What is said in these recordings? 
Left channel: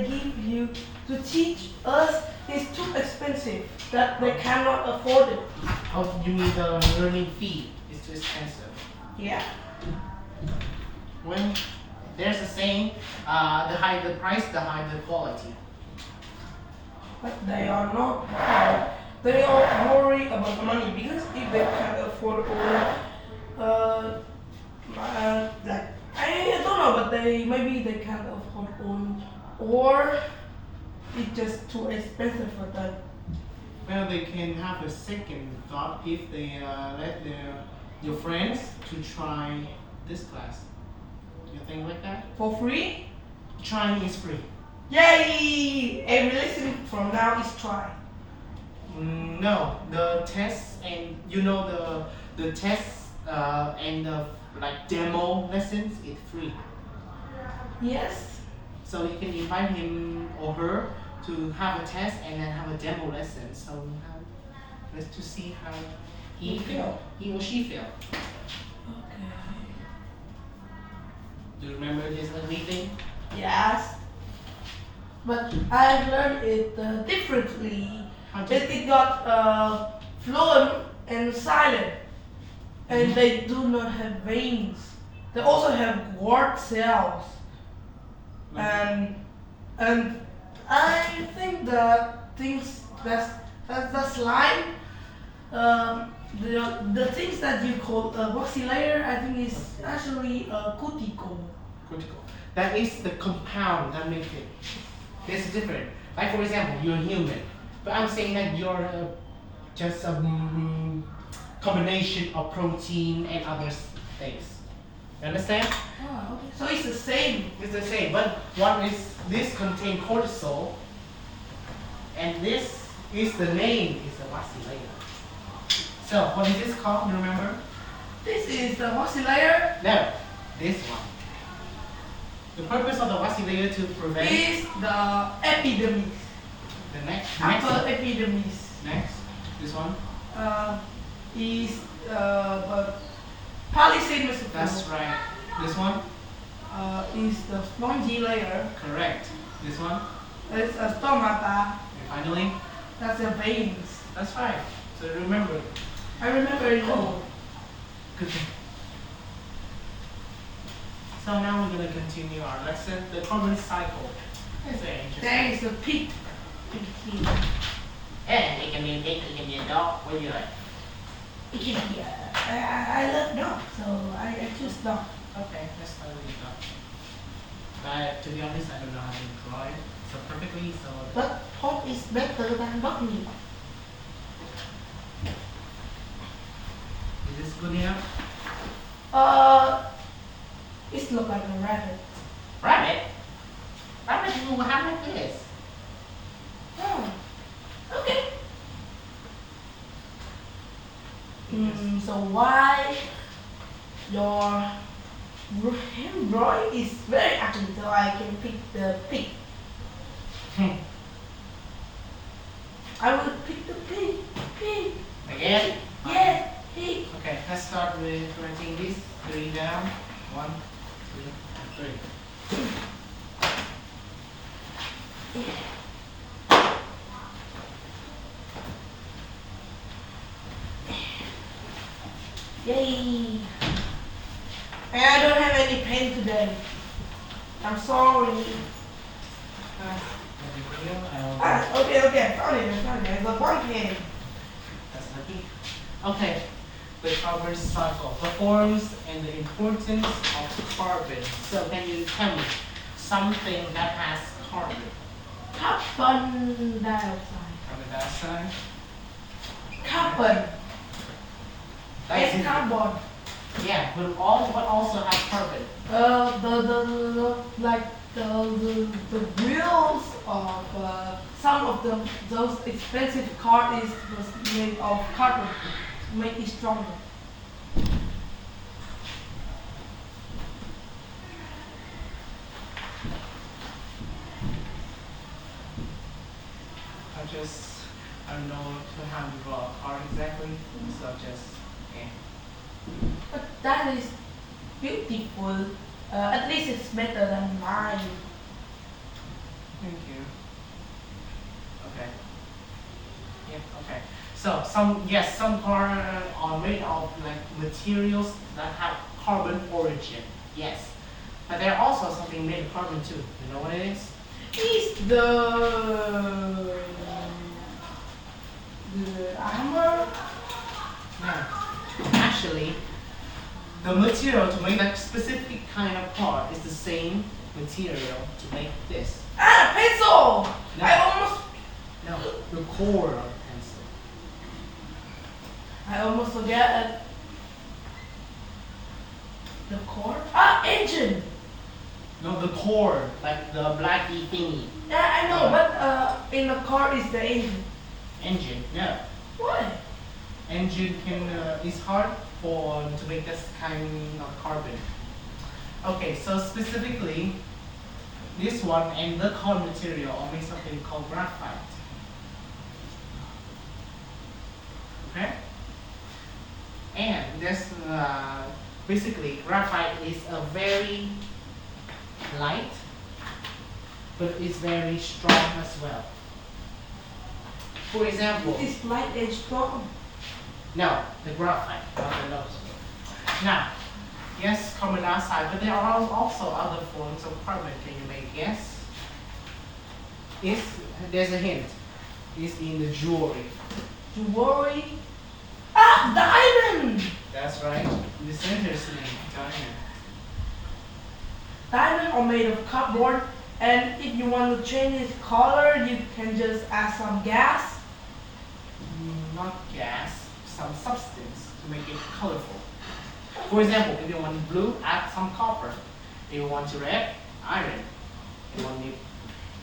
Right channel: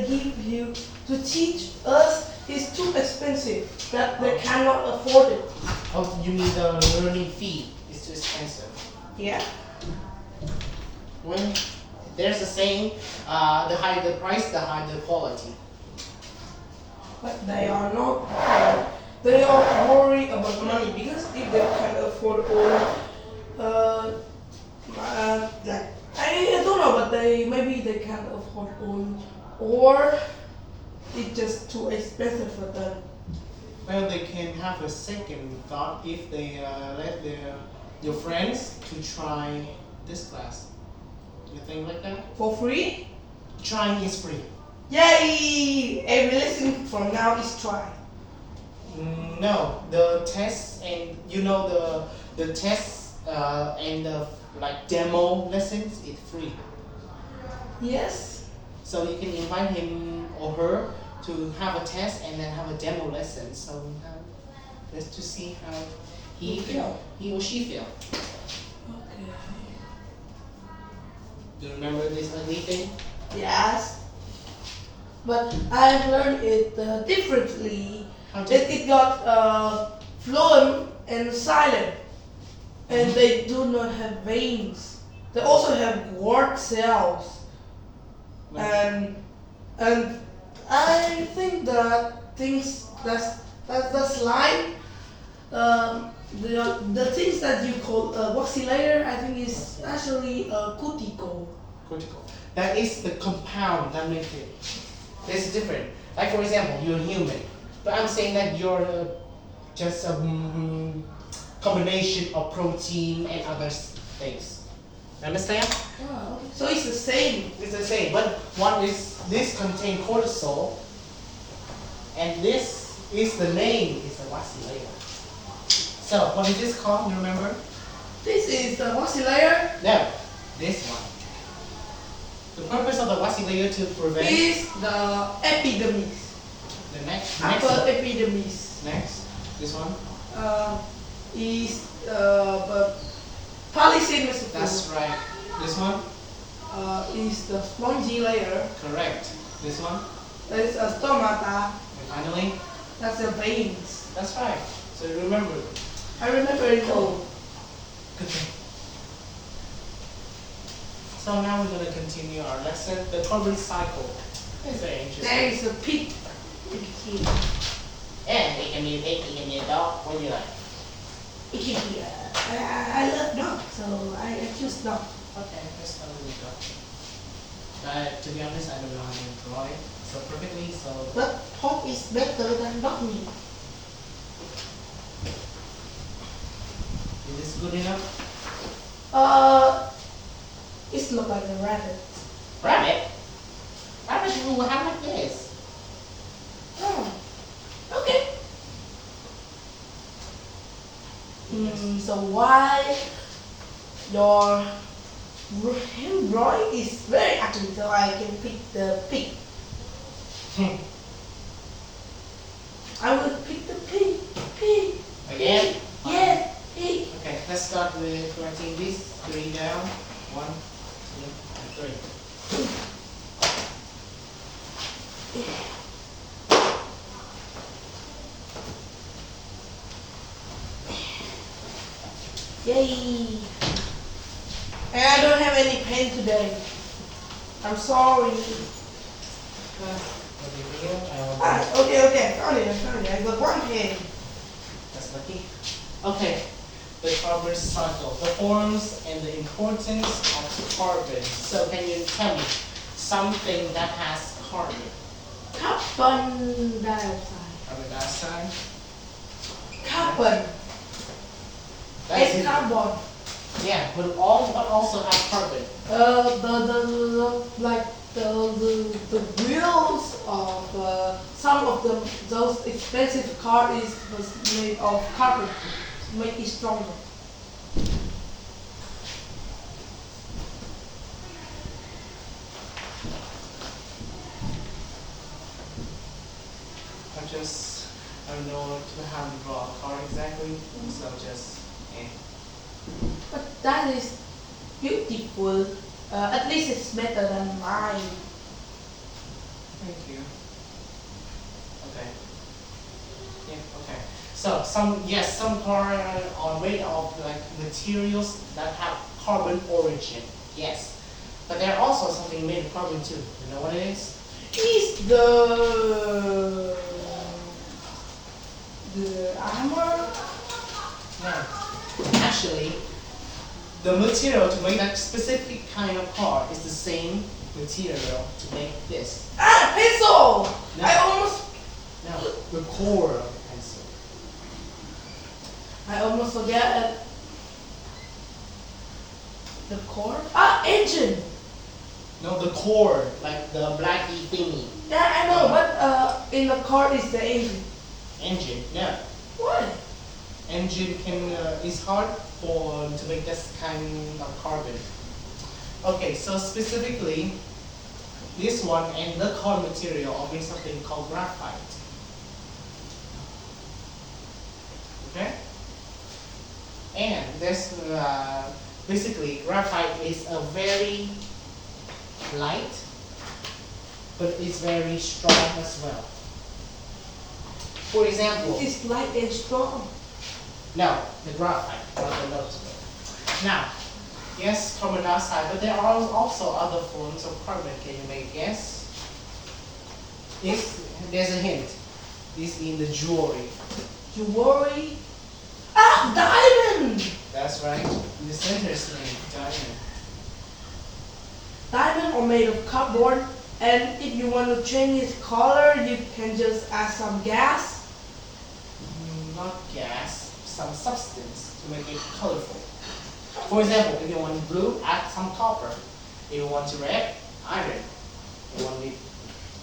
they give you to teach us is too expensive that they cannot afford it. Oh, you mean the learning fee is too expensive? Yeah. When there's a saying, the higher the price, the higher the quality. But they are not. They are worried about money because if they can afford all, like I don't know, but maybe they can afford all, or it's just too expensive for them. Well, they can have a second thought if they let your friends to try this class. You think like that? For free? Trying is free. Yay! Every lesson from now is try. No, the tests and the tests and the like demo lessons is free. Yes. So you can invite him or her to have a test and then have a demo lesson. So let's to see how he or she feel. Okay. Do you remember this ugly thing? Yes. But I've learned it differently. How did It got fluent and silent, and they do not have veins. They also have word cells, and I think that things that slime, the things that you call waxy layer, I think is actually cuticle. critical? That is the compound that makes it. It's different. Like for example, you're human, but I'm saying that you're just a combination of protein and other things. You understand? Oh, okay. So it's the same. It's the same, but one is this contain cortisol, and this is the name is the waxy layer. So what is this called? You remember? This is the waxy layer. No, this one. The purpose of the waxy layer to prevent Is the epidermis. the next Upper epidermis. next this one. Is the polycythemia. That's right. This one. Is the spongy layer. Correct. This one. That's a stomata. And finally, That's the veins. that's right. So remember. I remember it all. Good thing. So now we're going to continue our lesson, the carbon cycle. It's very interesting. There is a pig. Pig here. And it can be a pig, it can be a dog. What do you like? It can be. I love dog, so I choose dog. Okay, that's fine with the dog. To be honest, I don't know how to draw it so perfectly. So But pork is better than dog meat. is this good enough? It looks like a rabbit. Rabbit. Rabbit will have like this. Oh, okay. So why your hand drawing is very ugly, so I can pick the pig. I will pick the pig. Pig. Again? Yes, pig. Okay, let's start with writing this. 3 down. 1, 2, 3. Yay! And I don't have any pen today. I'm sorry. Okay, found it. I got one pen. That's lucky. Okay, the carbon cycle, the forms and the importance of carbon. So can you tell me something that has carbon? Carbon dioxide. Carbon dioxide. Carbon. That's And it. carbon. Yeah, but also have carbon. The wheels of some of those expensive cars was made of carbon to make it stronger. I don't know how to draw a car exactly, so But that is beautiful. At least it's better than mine. Thank you. Okay. Yeah, okay. So some car are made of like materials that have carbon origin. Yes. But there are also something made of carbon too. You know what it is? Is the armor? No. Actually, the material to make that specific kind of part is the same material to make this. Ah, pencil! No. I almost The core of pencil. forget it. The core? Ah, engine! No, the core, like the blacky thingy. Yeah, I know, but in the car is the engine. Engine, no. Why? Engine is hard to make this kind of carbon. Okay, so specifically, this one and the core material are made something called graphite. Okay? And this basically graphite is a very light, but it's very strong as well. For example, It is light and strong. no, the graphite, not the nose. Now, yes, carbon dioxide, but there are also other forms of carbon. Can you make a guess? There's a hint. It's in the jewelry. Jewelry. Ah, diamond! That's right. In the center is named diamond. Diamond are made of cardboard, and if you want to change its color, you can just add some gas. Not gas, some substance to make it colorful. For example, if you want blue, add some copper. If you want red, iron. If you want it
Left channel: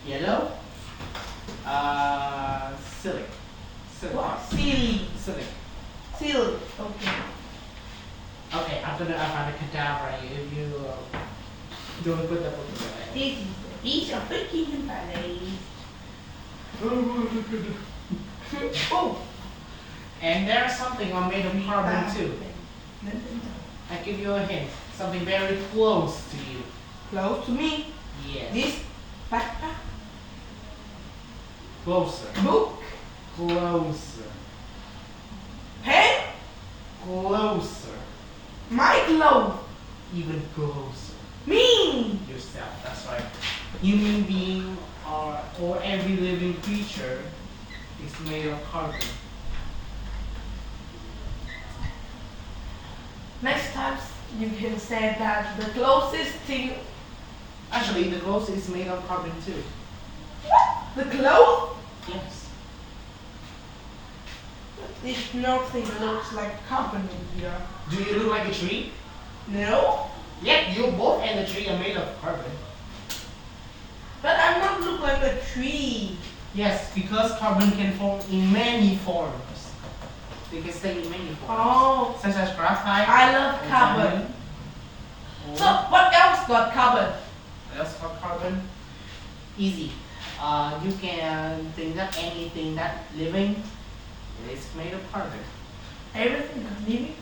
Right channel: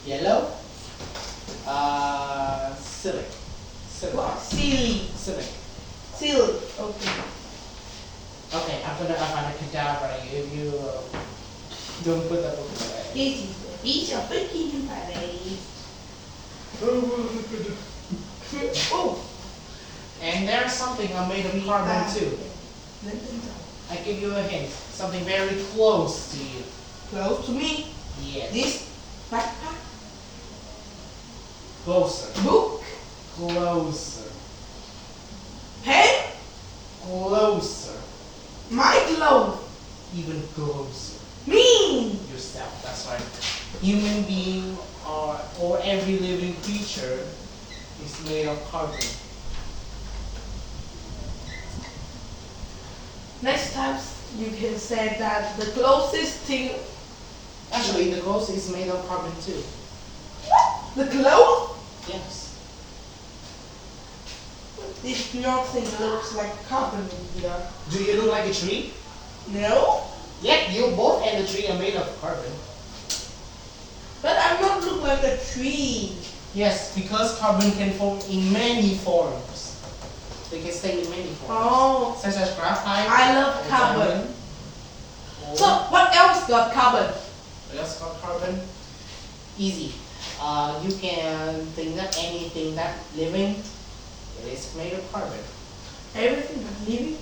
yellow, silic. What? Silly. Silic. Silly. Okay. Okay, I'm gonna find a cadaver. You don't put that book away. Each of the kingdom Oh. And there's something made of carbon too. I give you a hint. Something very close to you. Close to me. Yes. This backpack. Closer. Book. Closer. Pen. Closer. My glove. Even closer. Me. Yourself. That's right. Human being or every living creature is made of carbon. Next time you can say that the closest thing. Actually, the clothes is made of carbon too. The clothes. Yes. If nothing looks like carbon in here. Do you look like a tree? No. Yeah, you both and the tree are made of carbon. But I not look like a tree. Yes, because carbon can form in many forms. They can stay in many forms. Oh. Such as graphite. I love or carbon. diamond, or So what else got carbon? what else got carbon? Easy. You can think that anything that living, it is made of carbon. Everything is living.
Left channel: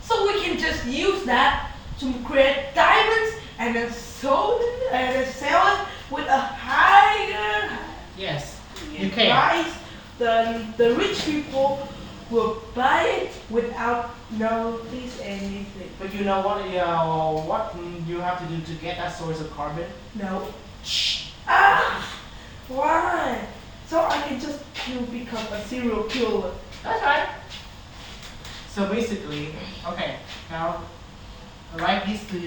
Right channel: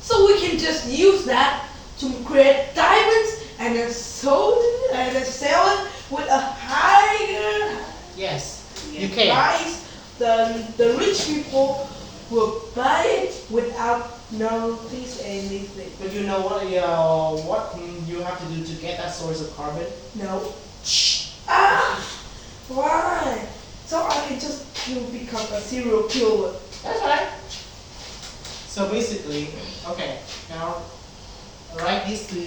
So we can just use that to create diamonds and then sell it with a higher Yes, you can. price. The rich people will buy it without notice anything. But you know what you have to do to get that source of carbon? No. Ah, why? So I can just become a serial killer. That's right. So basically, okay, now write this to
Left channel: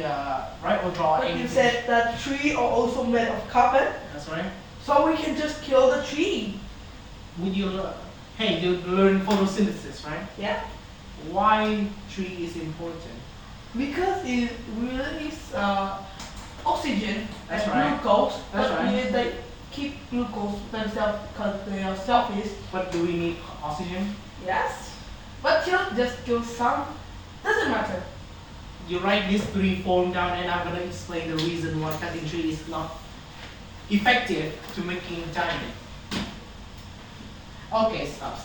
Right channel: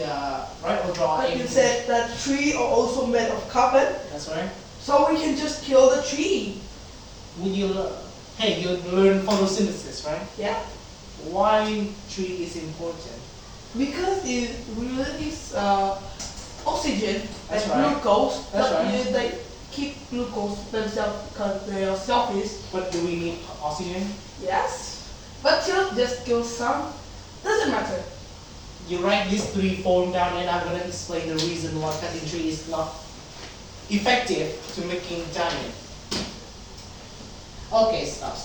write or draw But you anything. said that trees are also made of carbon, That's right. so we can just kill the tree. When you hey, you learn photosynthesis, right? Yeah. Why tree is important? Because it releases oxygen That's and right. glucose. That's but right. they keep glucose themselves because they are selfish. But do we need oxygen? Yes. But just kill some. Doesn't matter. You write these three form down, and I'm gonna explain the reason why cutting tree is not effective to making diamond. Okay, stop.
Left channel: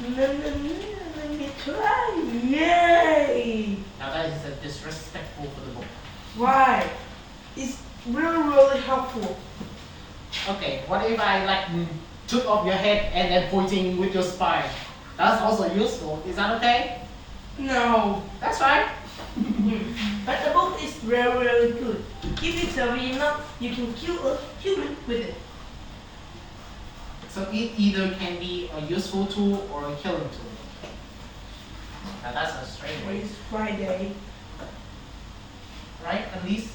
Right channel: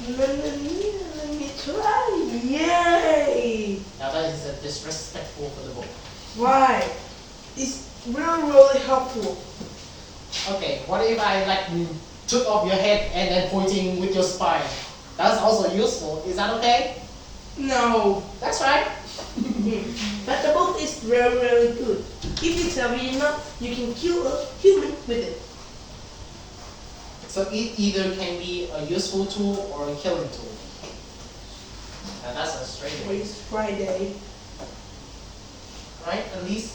No, let me try. Yay! Now that is disrespectful for the book. Why? It's really, really helpful. Okay, what if I like took off your head and then pointing with your spine? That's also useful. Is that okay? No. That's right. But the book is very, very good. If it's a real, you can kill a human with it. So it either can be a useful tool or a killing tool. Now that's a straight way. It's Friday. Right? At least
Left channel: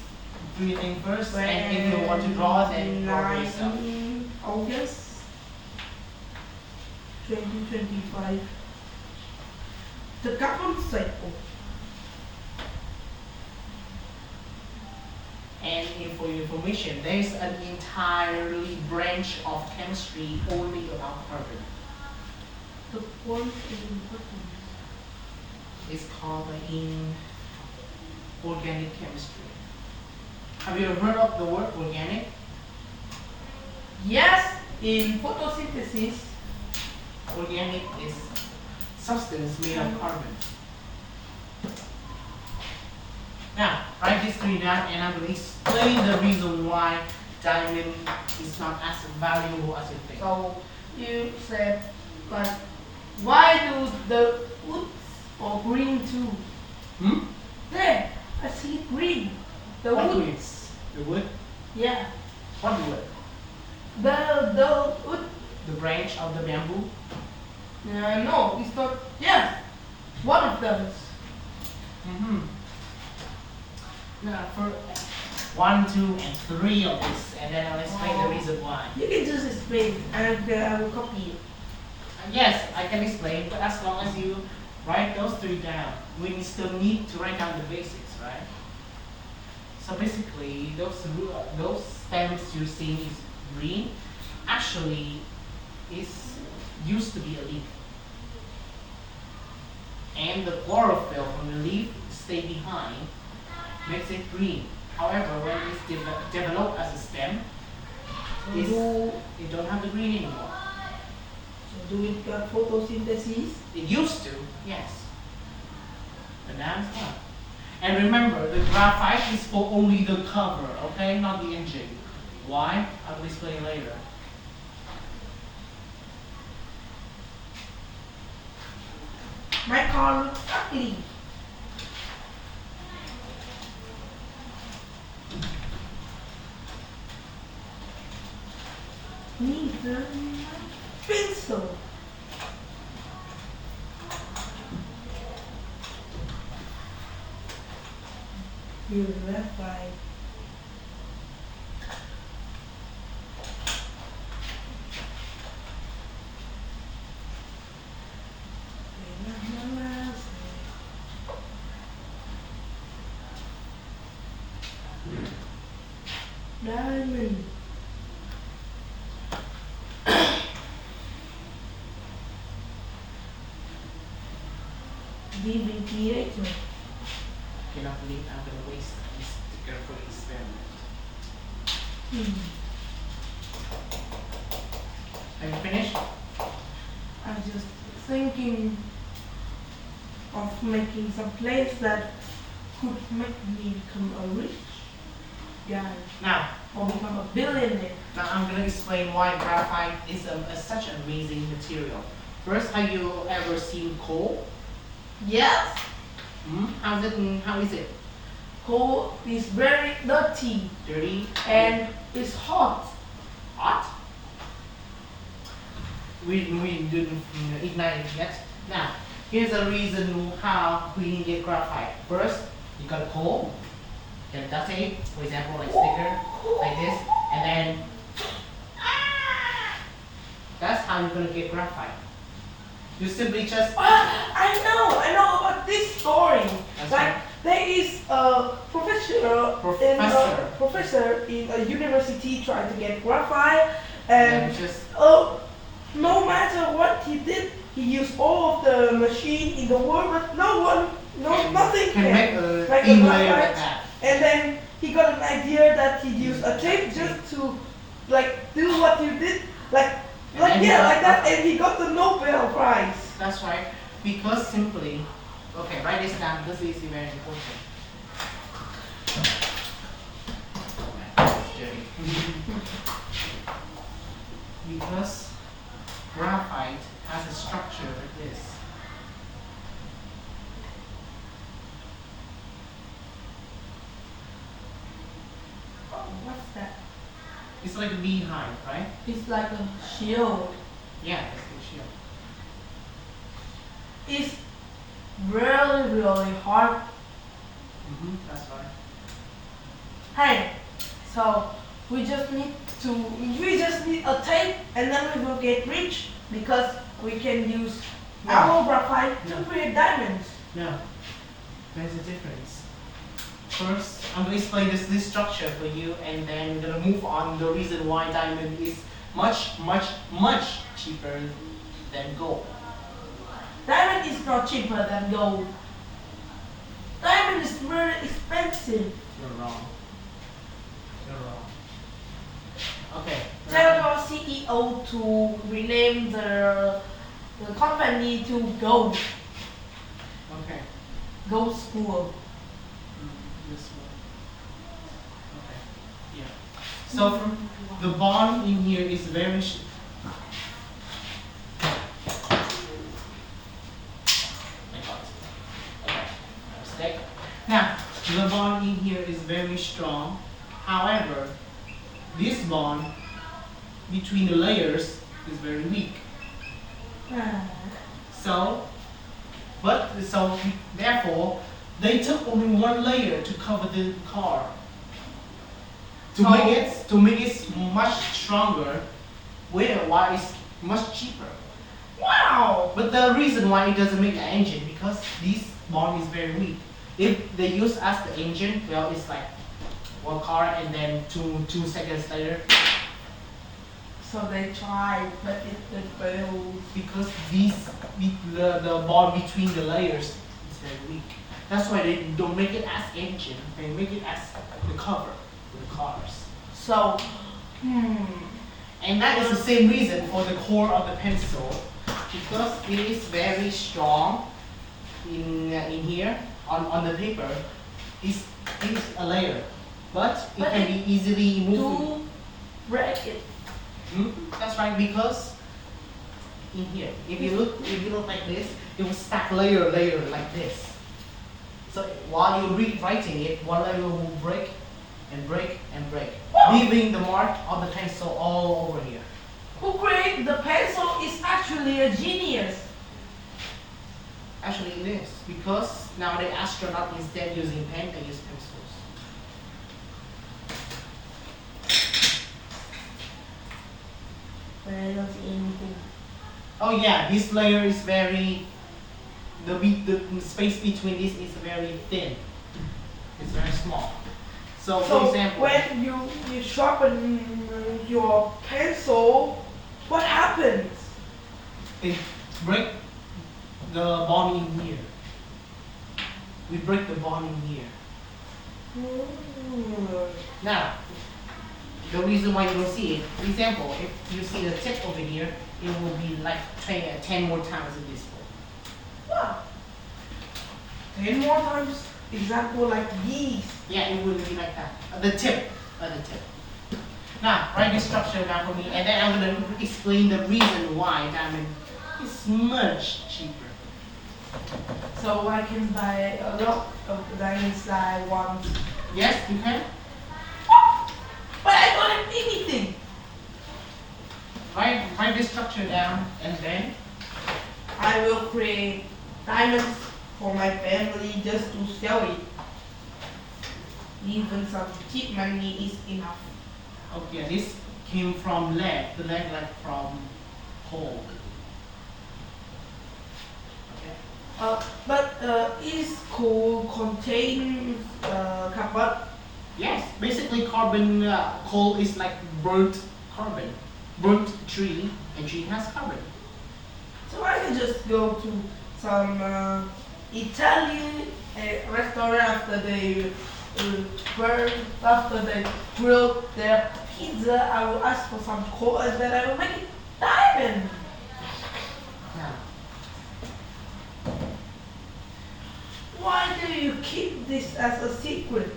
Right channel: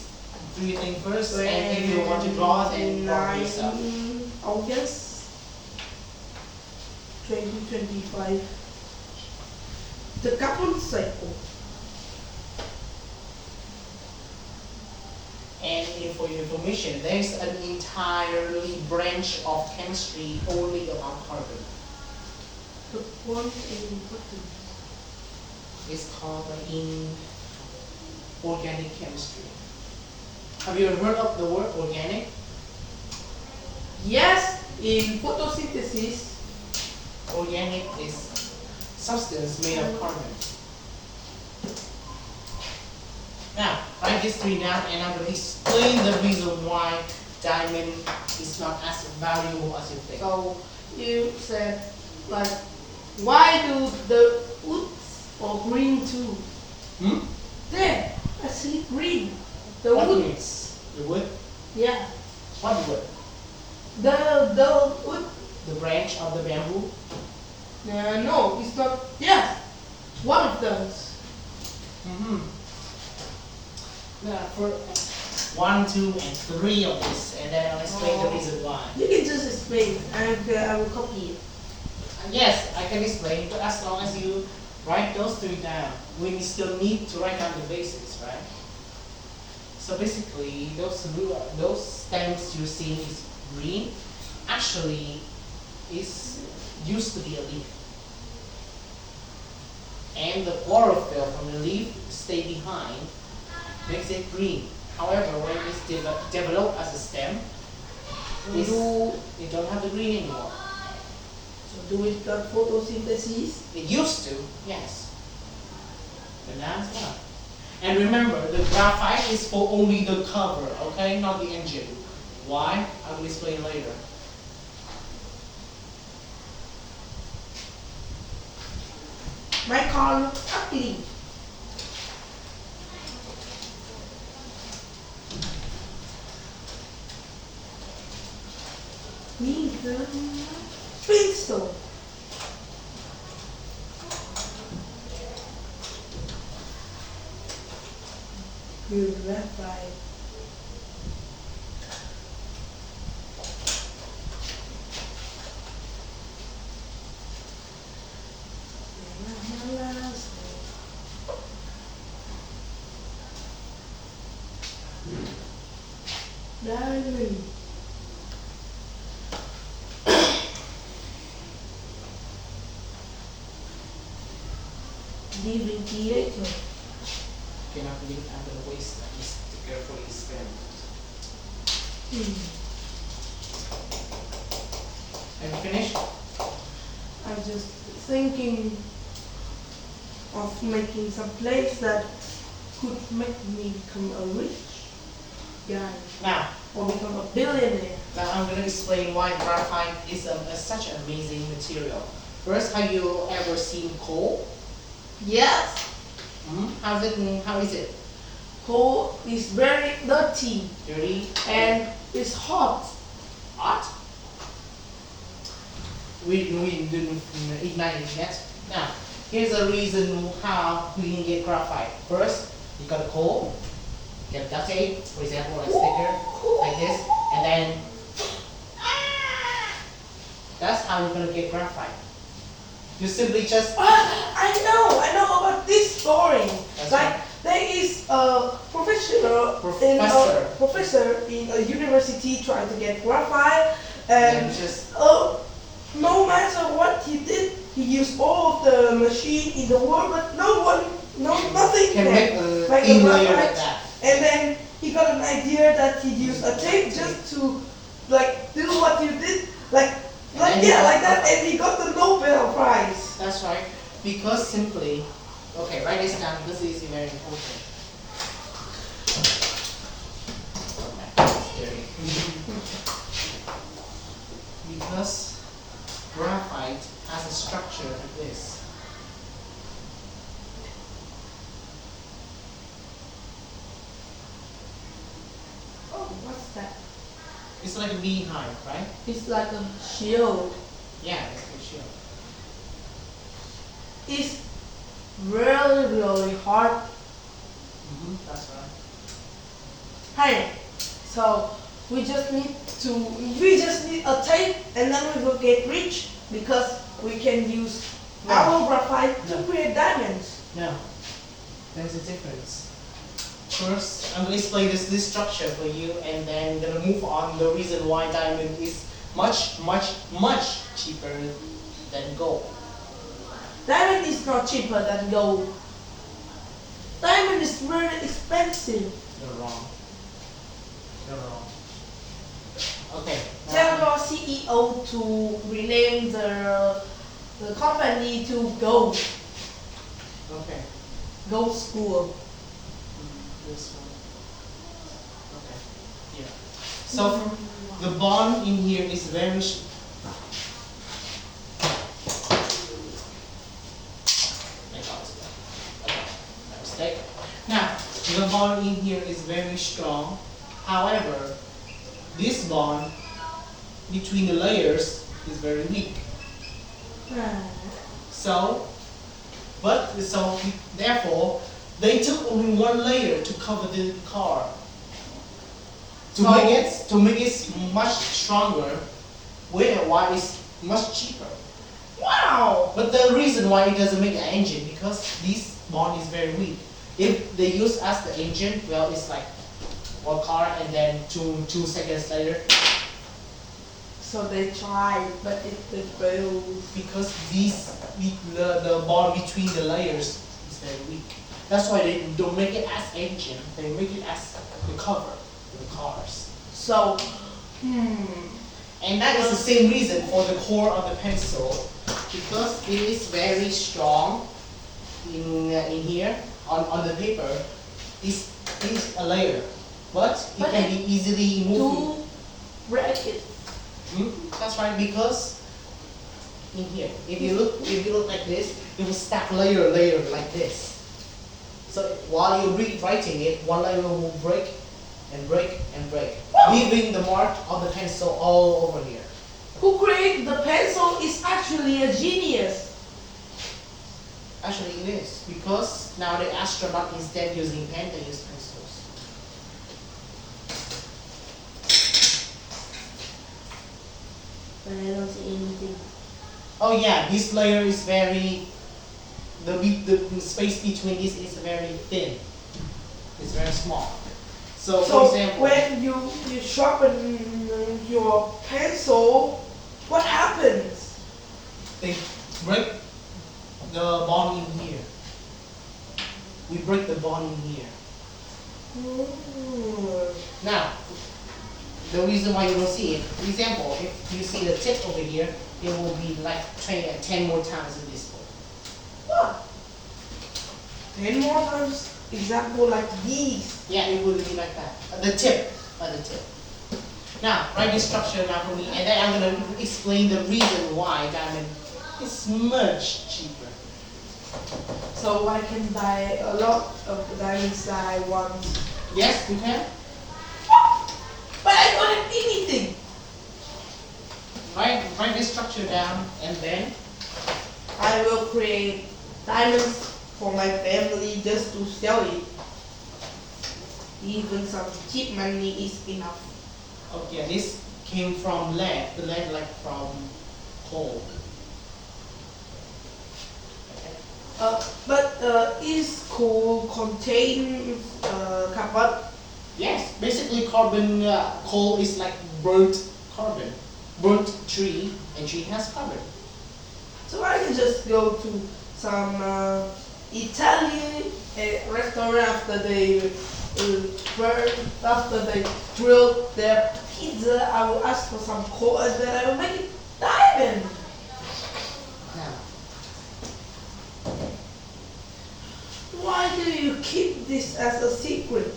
do your thing first, and if you want to draw it, then draw it yourself. 9 August 2025. The carbon cycle. And for your information, there is an entirely branch of chemistry only about carbon. The point is important. It's called organic chemistry. Have you ever heard of the word organic? Yes, in photosynthesis. Organic is substance made of carbon. Now, write these three down and I will explain the reason why diamond is not as valuable as you think. So you said, like, why do the woods or green too? There, I see green. The What wood. green? The wood? Yeah. What wood? The wood. The branch of the bamboo? No, it's not. Yeah, one of those. Now, for 1, 2, and 3 of this, and then I'll explain the reason why. You can just explain, and I will copy it. Yes, I can explain, but as long as you write those 3 down, we still need to write down the basics, right? So basically, those stems you see is green, actually used to be a leaf. And the chlorophyll from the leaf stay behind, makes it green. However, when it's developed as a stem, it don't have the green anymore. So do it the photosynthesis. It used to, yes. But now it's not. And remember, the graphite is for only the cover, okay? Not the engine. Why? I will explain later. My car looks ugly. Need the pencil. We'll left by diamond. Leaving theater. I cannot believe I'm going to waste this careful experiment. Are you finished? I'm just thinking of making some place that could make me become a rich guy Now, or become a billionaire. I'm going to explain why graphite is such an amazing material. First, have you ever seen coal? Yes, How is it? coal is very dirty Dirty? and it's hot. Hot? We didn't ignite it yet. Now, here's the reason how we can get graphite. First, you got a coal, you get duct tape, for example, like sticker, like this, and then that's how you're gonna get graphite. You simply just I know about this story. That's Like right. there is a Professor. professor in a university trying to get graphite, and just no matter what he did, he used all of the machine in the world, but nothing can make a make thin a layer graphite. like that. And then he got an idea that he used a tape just to like do what you did, like then he got like that, and he got the Nobel Prize. That's right. Because simply, okay, write this down. This is very important. It's dirty. Because graphite has a structure like this. Oh, what's that? It's like a beehive, right? It's like a shield. Yeah, it's a shield. It's really hard. That's right. Hey, so we just need a tape, and then we will get rich because we can use No. our graphite No. to create diamonds. No, there's a difference. First, I'm going to explain this structure for you, and then we're going to move on the reason why diamond is much cheaper than gold. Diamond is not cheaper than gold. Diamond is very expensive. You're wrong. You're wrong. Okay. Tell your CEO to rename the company to Gold Okay. School. This one. Okay. Yeah. So the bond in here is very. Okay. Mistake. Now the bond in here is very strong. However, this bond between the layers is very weak. So therefore, they took only one layer to cover the car. To make it much stronger, why it's much cheaper. Wow! But the reason why it doesn't make an engine because this bond is very weak. If they use as the engine, well, it's like one car, and then two seconds later, So they tried, but it failed. because the bond between the layers is very weak. That's why they don't make it as engine. They make it as the cover for the cars. So, And that is the same reason for the core of the pencil, because it is very strong in here on the paper. Is a layer, but it But can be easily moved. to break it. That's right, because in here, if you look like this, it will stack layer like this. So while you're writing it, one layer will break and break and break, leaving the mark of the pencil all over here. Who created the pencil is actually a genius. Actually, it is, because now the astronaut instead using pen, they use pencils. But I don't see anything. Oh yeah, this layer is very, the space between this is very thin. It's very small. So, for So example, when you sharpen your pencil, what happens? they break the bond in here. We break the bond in here. Now, the reason why you don't see it, for example, if you see the tip over here, it will be like 10 more times in this one. What? 10 more times. Example like these. Yeah, it will be like that. The tip, Now, write this structure down for me, and then I'm going to explain the reason why diamond is much cheaper. So I can buy a lot of diamonds I want. Yes, you can. But I don't have anything. Write this structure down, and then I will create diamonds for my family just to sell it. Even some cheap money is enough. okay, this came from lead. The lead like from coal. Okay. But is coal contain carbon? Yes, basically carbon. Coal is like burnt carbon, burnt tree, and tree has carbon. So I can just go to some Italian restaurant after they grill their pizza. I will ask for some coal and then I will make it diamond. Yeah. Why do you keep this as a secret?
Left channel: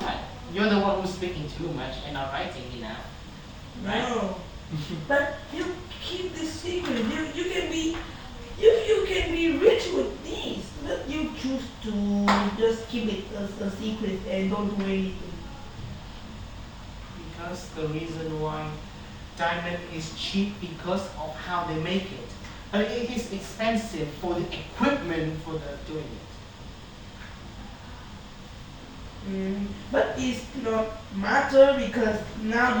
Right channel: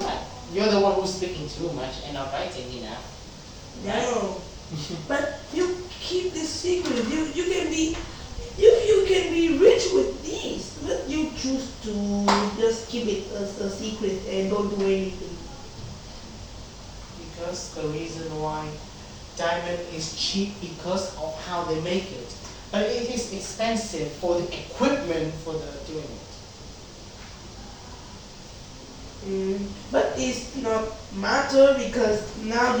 Right. You're the one who's speaking too much and not writing enough. No. But you keep this secret. You can be you can be rich with these. But you choose to just keep it as a secret and don't do anything. Because the reason why diamond is cheap because of how they make it. But it is expensive for the equipment for the doing it. But it's not matter because now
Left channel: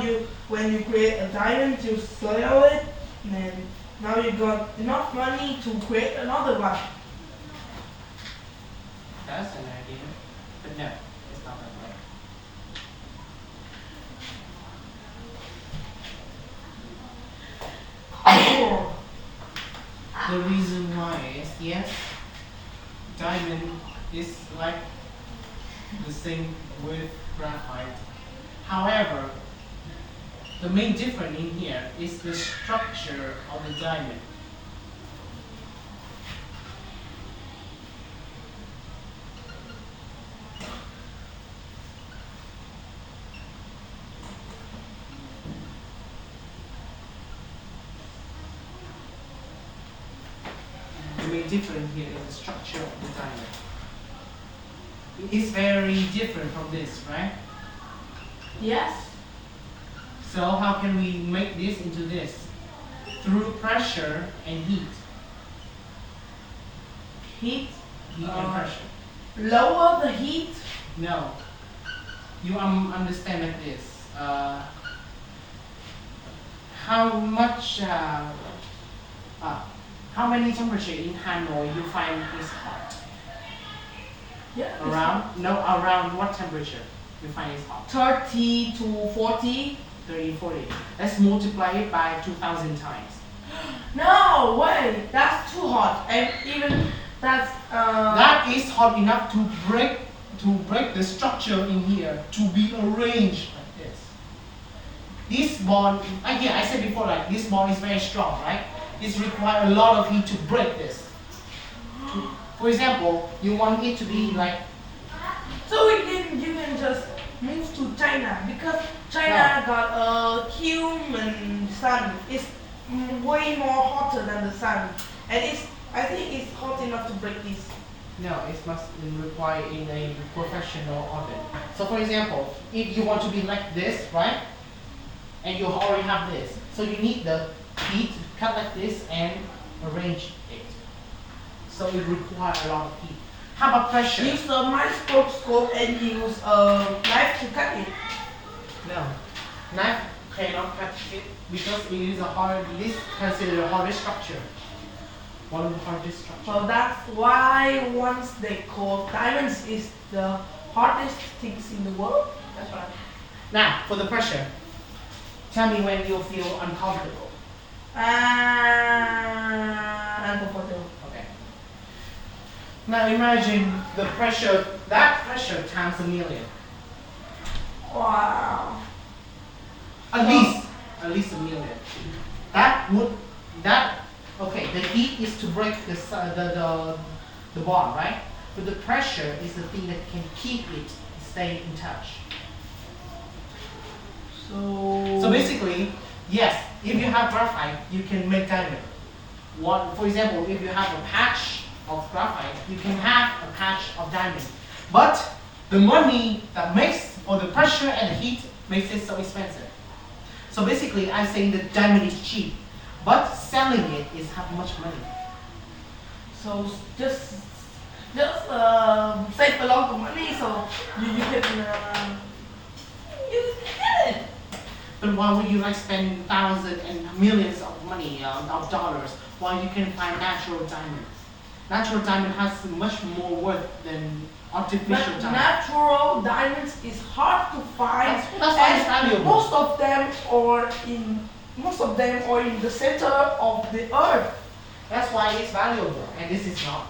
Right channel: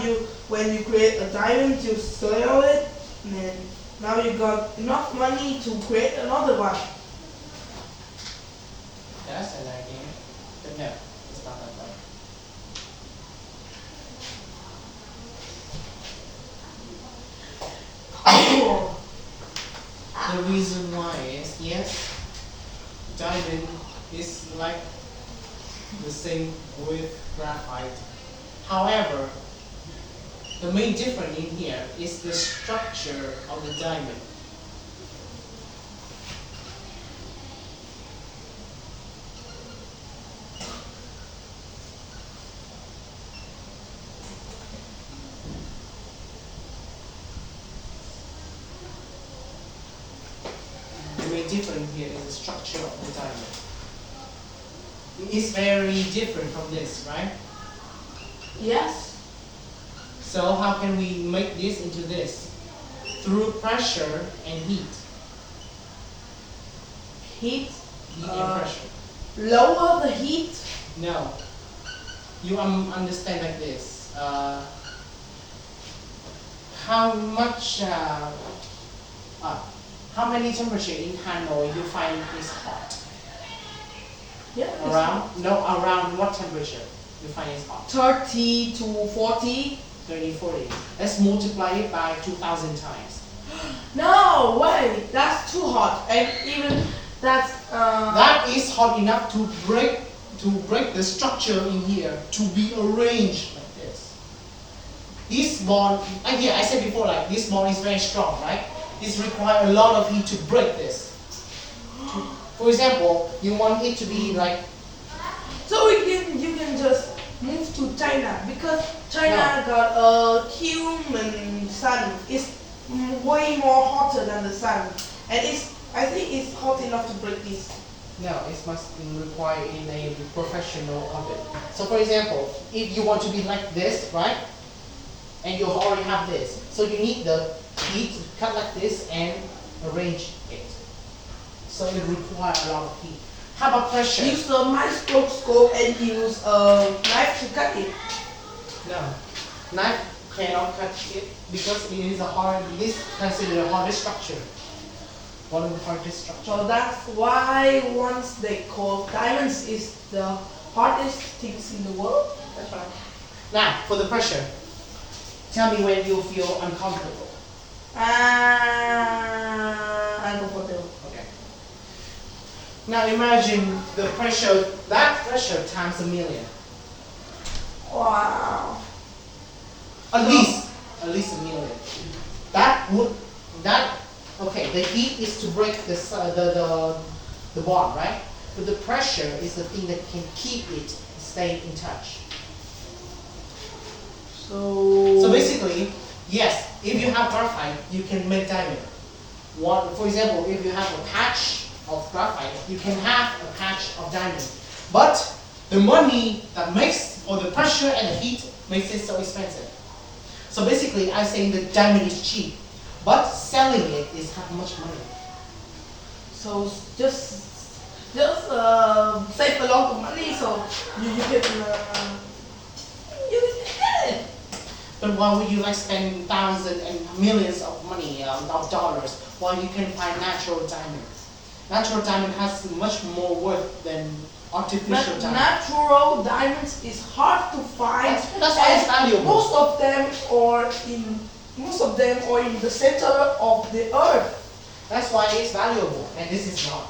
when you create a diamond, you sell it, and now you got enough money to create another one. That's an idea. But no, it's not that way. The reason why is, yes, diamond is like the same with graphite. However, the main difference in here is the structure of the diamond. The main difference here is the structure of the diamond. It is very different from this, right? Yes. So how can we make this into this? Through pressure and heat. Heat. Heat and pressure. Lower the heat. No. You understand like this. How much? How many temperature in Hanoi you find is hot? Yeah. Around what temperature you find is hot? 30 to 40. 30, 40. Let's multiply it by 2,000 times. No way. That's too hot. And even that's. That is hot enough to break the structure in here to be arranged like this. This bond, I said before, like this bond is very strong, right? This requires a lot of heat to break this. For example, you want it to be like. So you can just move to China because China got a human sun. It's way more hotter than the sun, and I think it's hot enough to break this. No, it must require in a professional oven. So for example, if you want to be like this, right? And you already have this. So you need the heat to cut like this and arrange it. So it requires a lot of heat. How about pressure? Use a microscope and use a knife to cut it. No. Knife cannot cut it because it is this considered a hardest structure. One of the hardest structures. So that's why once they call diamonds is the hardest things in the world. That's right. Now, for the pressure, tell me when you feel uncomfortable. Uncomfortable. Okay. Now imagine the pressure, that pressure times a million. Wow. At least a million. Okay, the heat is to break the bond, right? But the pressure is the thing that can keep it staying in touch. So basically, yes, if you have graphite, you can make diamond. For example, if you have a patch of graphite, you can have a patch of diamond. But the money that makes, or the pressure and the heat makes it so expensive. So basically, I'm saying that diamond is cheap, but selling it is how much money. So just save a lot of money, so you can get it. But why would you like spend thousands and millions of money of dollars while you can find natural diamond? Natural diamond has much more worth than artificial But diamond. natural diamonds is hard to find. That's why it's valuable. Most of them are in the center of the earth. That's why it's valuable, and this is not.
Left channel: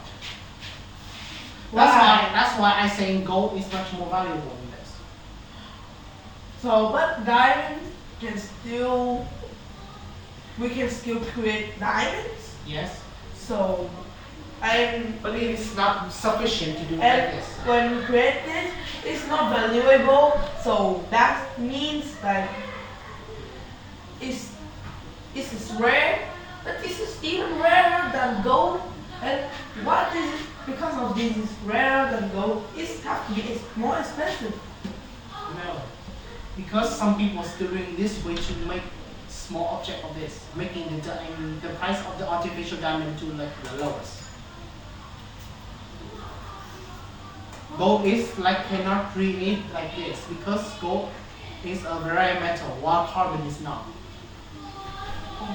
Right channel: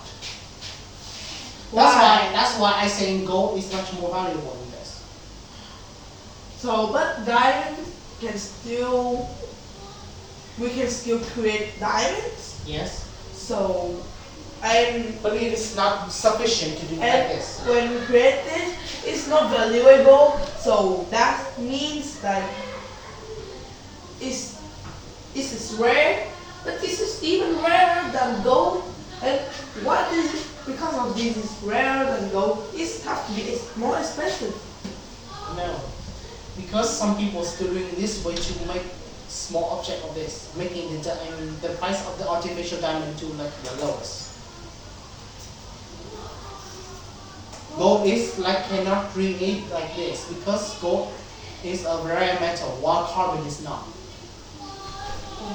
Why? That's why I say gold is much more valuable than this. So, but diamond we can still create diamonds. Yes. So, But it is not sufficient to do like and this. when we create this, it's not valuable. So that means that this is rare, but this is even rarer than gold. And what is it? Because of this is rarer than gold, it has to be more expensive. No, because some people still doing this way to make small object of this, making the price of the artificial diamond to like the lowest. Gold is like cannot create like this because gold is a rare metal while carbon is not.